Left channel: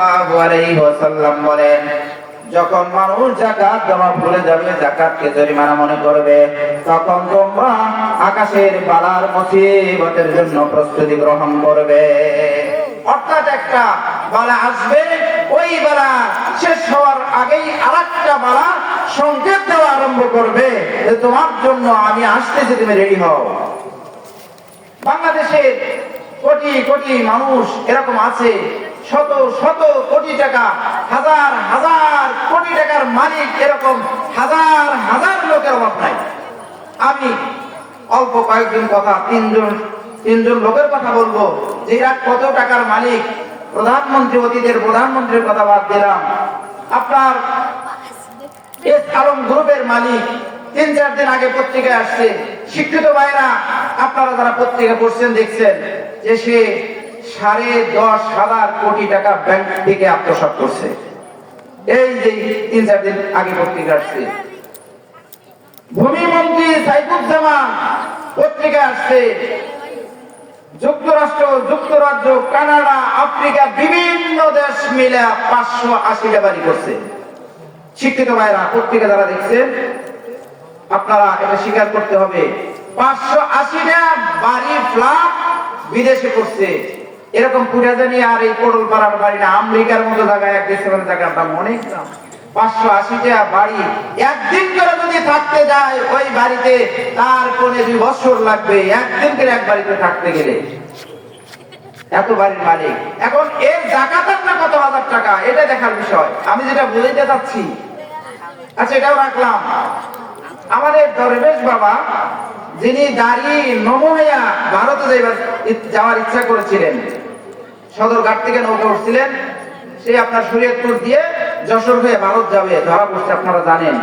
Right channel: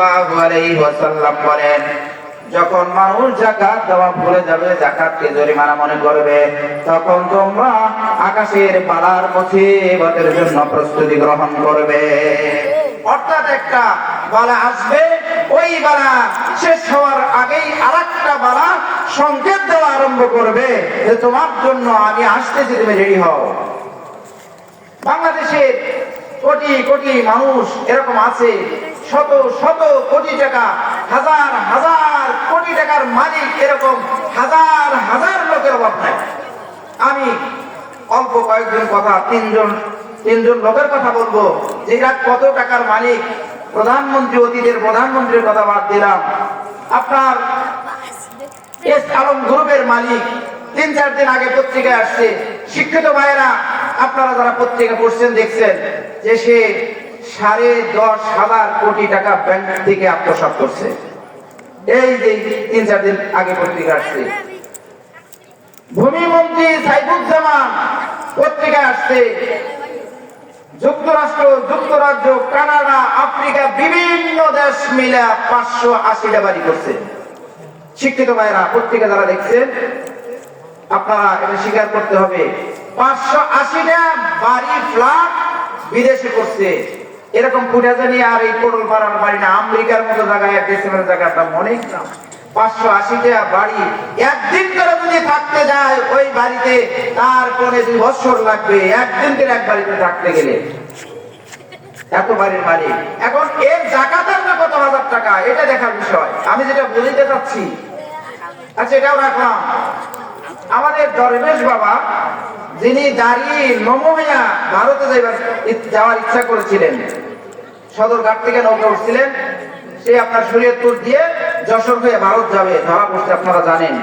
সাল্লাল্লাহু আলাইহি ওয়াসাল্লাম বলেন, যখন মানুষ যাকাত দেওয়া ভুলে যাবে, যাকাতকে জরিমানা মনে করবে, তখন তোমরা আকাশের বালার মুসিবতের জন্য প্রস্তুতি গ্রহণ করবে। অর্থাৎ একটা বালা আসবে, ওই বালা শেষ হওয়ার আগেই আরেকটা বালা সংকেত দেওয়া আরম্ভ করবে যে তোমার জন্য আমি আসতেছি, তুমি রেডি হও। বাংলাদেশের কোটি কোটি মানুষ এরকম আছে, শত শত কোটি টাকা, হাজার হাজার কোটি টাকার মালিক এরকম হাজার হাজার লোকের অভাব নাই। আমি অল্প কয়েকজন কথা, তিনজন লোকের কথা বলবো যে এরা কত টাকার মালিক। প্রধানমন্ত্রী, অতীতের প্রধানমন্ত্রীর কথা বাদ দিলাম, আপনার এস আলম গ্রুপের মালিক 3-4 দিন আগে পত্রিকায় আসছে। শিক্ষিত ভাইরা, আপনারা যারা পত্রিকা পড়ছেন দেখছেন যে সে 10,500 কোটি টাকা ব্যাংক থেকে আত্মসাৎ করছে। এই যে 3-4 দিন আগে পত্রিকা আসছে। ভূমিমন্ত্রী সাইফুজ্জামান পত্রিকা আসছে, যুক্তরাষ্ট্র, যুক্তরাজ্য, কানাডা, আফ্রিকা বিভিন্ন দেশ মিলে 580টা বাড়ি করছে। শিক্ষিত ভাইরা, পত্রিকা যারা দেখছেন আপনারা এটা স্বীকার করতে হবে, 580টা বাড়ি ফ্ল্যাট বিদেশে করছে। এরকম পুরাজানি আর এই কোডল পাড়ার বাড়ি না, আমেরিকার মতো জায়গায়, এক দেশের জায়গার দাম অনেক না। 580টা বাড়ি একদিন করে যদি থাকতে যায় ওই বাড়িতে, তার পরে 2 বছর লাগবে একদিন করে এক বাড়িতে থাকতে গেলে। এত বাড়ির মালিক। এখন এর জাকাতের না কত হাজার টাকা, এটা দেখার বিষয়। আমি যেটা বুঝাইতে চাচ্ছি, আচ্ছা এটাও রাখলাম। আমাদের দরবেশ বাবা, যিনি গাড়ি নমুনায়া ভারতে যাওয়ার ইচ্ছা করেছিলেন, সদরঘাট থেকে নৌকা উঠছিলেন, সে আপনার শরীয়তপুর দিয়ে যশোর হয়ে ভারত যাবে, ধরা পড়ছে, আপনারা জানেন।